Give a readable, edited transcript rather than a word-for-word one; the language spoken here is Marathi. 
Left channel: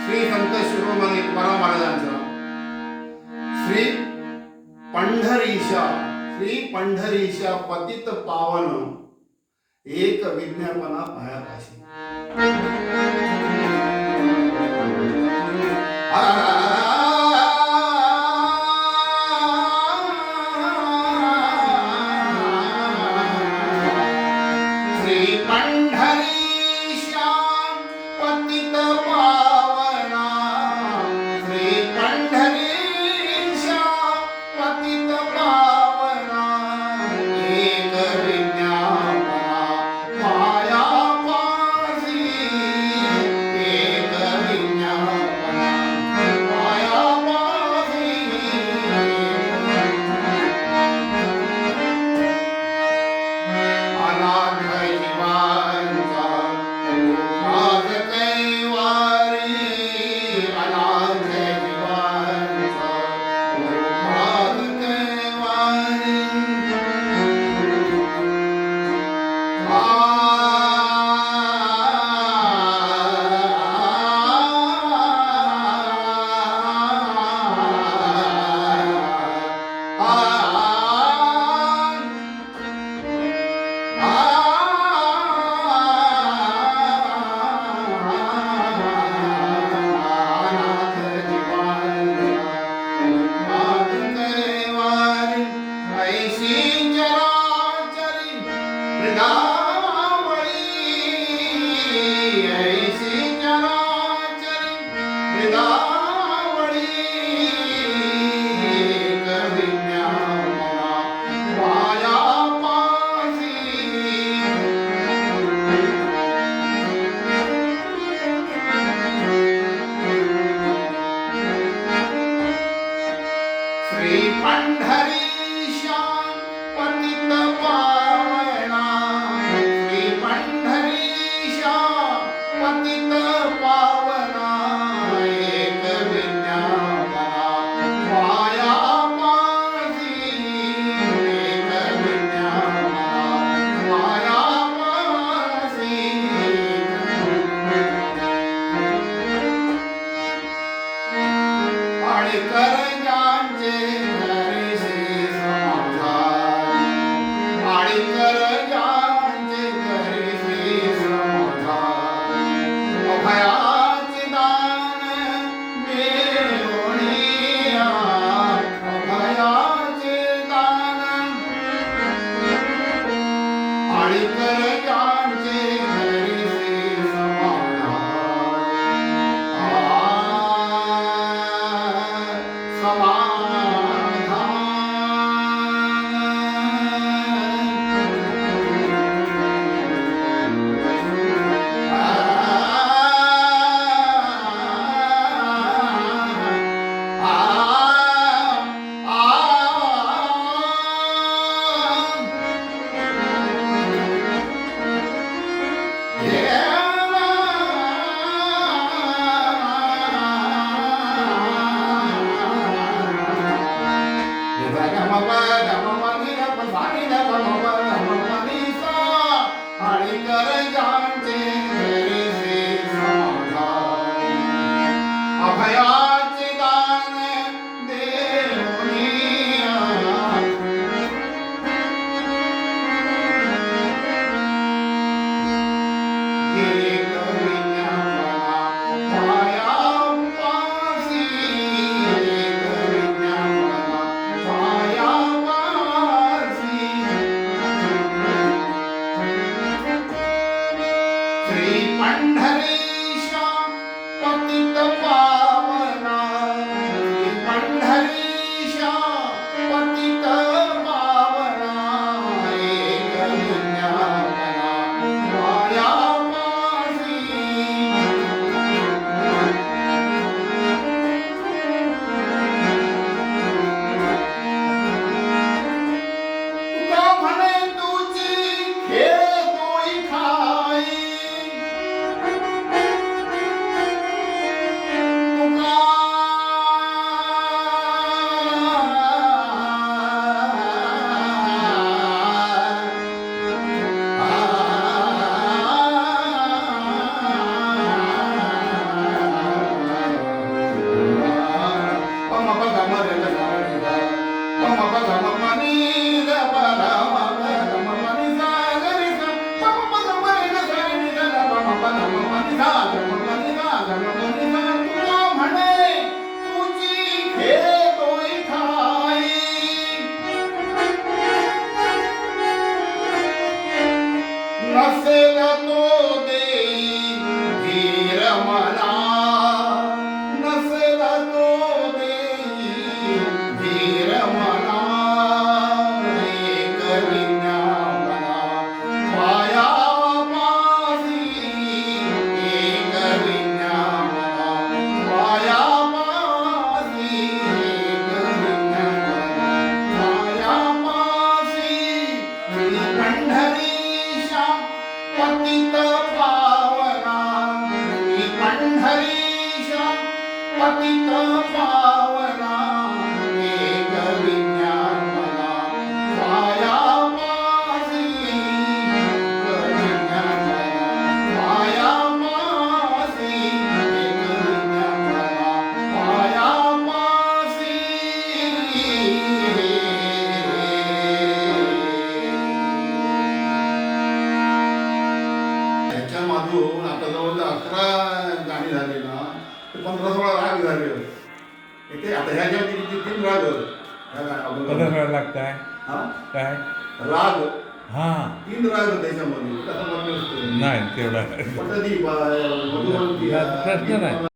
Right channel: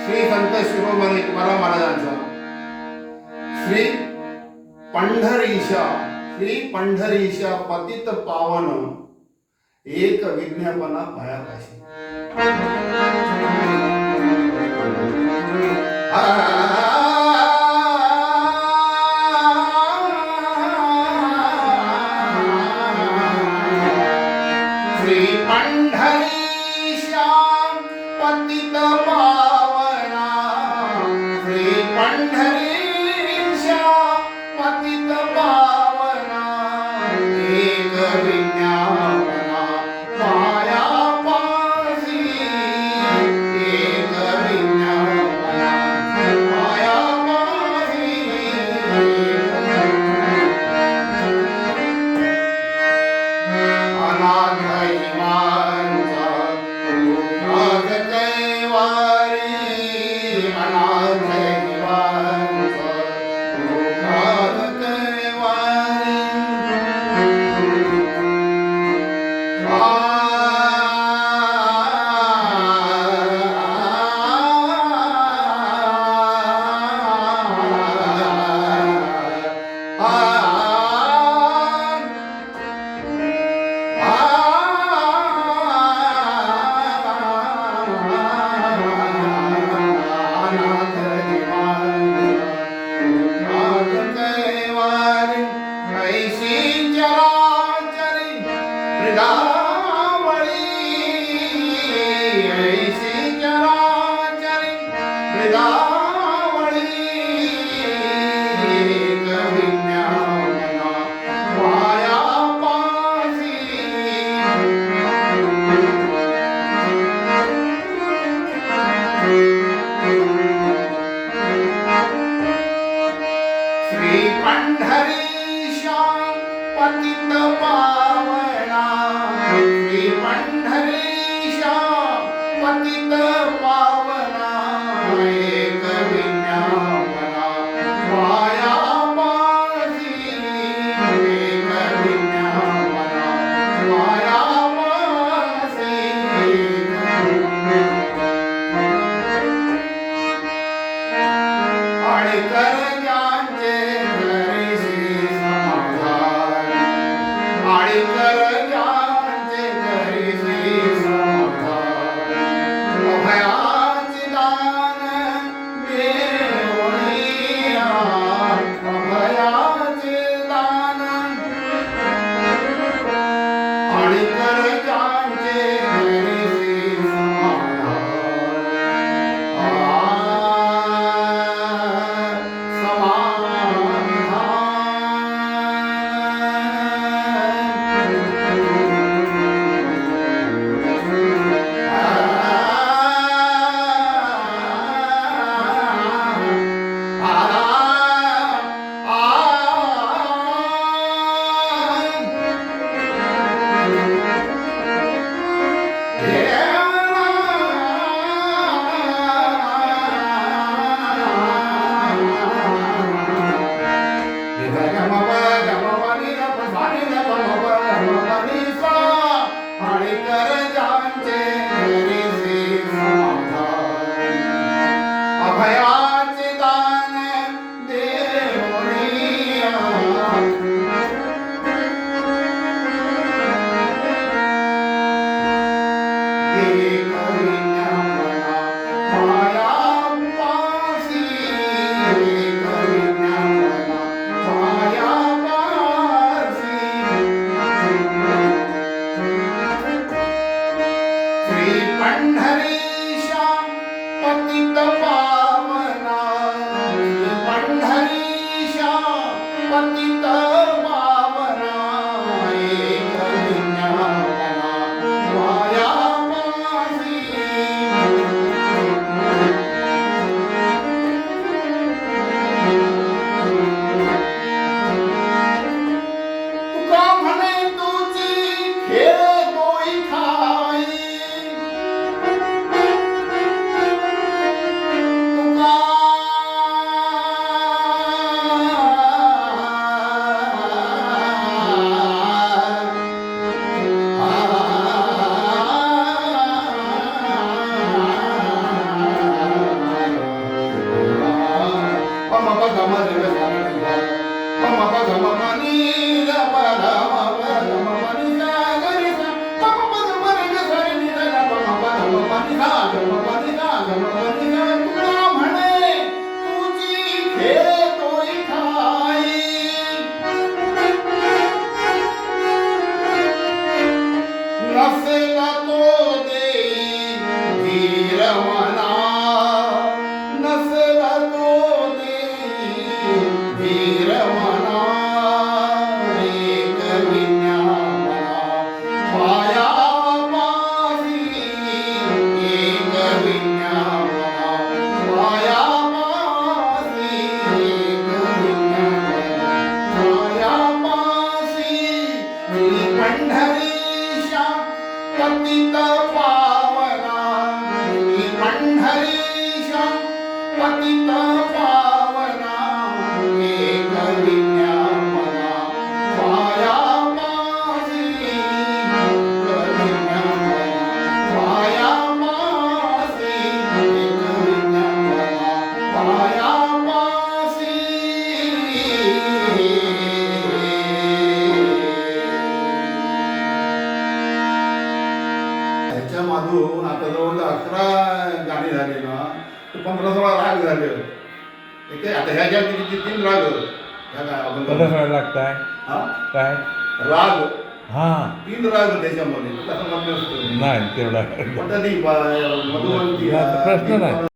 श्री संत शिरोमणी तुकाराम महाराजांचा श्री पंढरीशा पतित पावन एक विज्ञापना पायापाशी श्री पंढरीशा पतित पावना श्री पंढरीशा पतित पावना एक विज्ञापना पायापाशी एक विज्ञापना पायापाशी अनाथ श्री पंढरीशा पतित पावना श्री पंढरीशा पतित पावना एक विज्ञापना पायापाशी एक विज्ञापना पायापाशी आणि कर गाणी झाली ना तर 15-16 राग झाले. ते आता ह्या ज्या किती 3 राग ह्या काय आपण कसं लागताय हा काय राग हां 3 राग त्याच्यामध्ये तसं म्हटलं असतं नाही तेवढा पटदी मधुवंती प्रश्न नाही.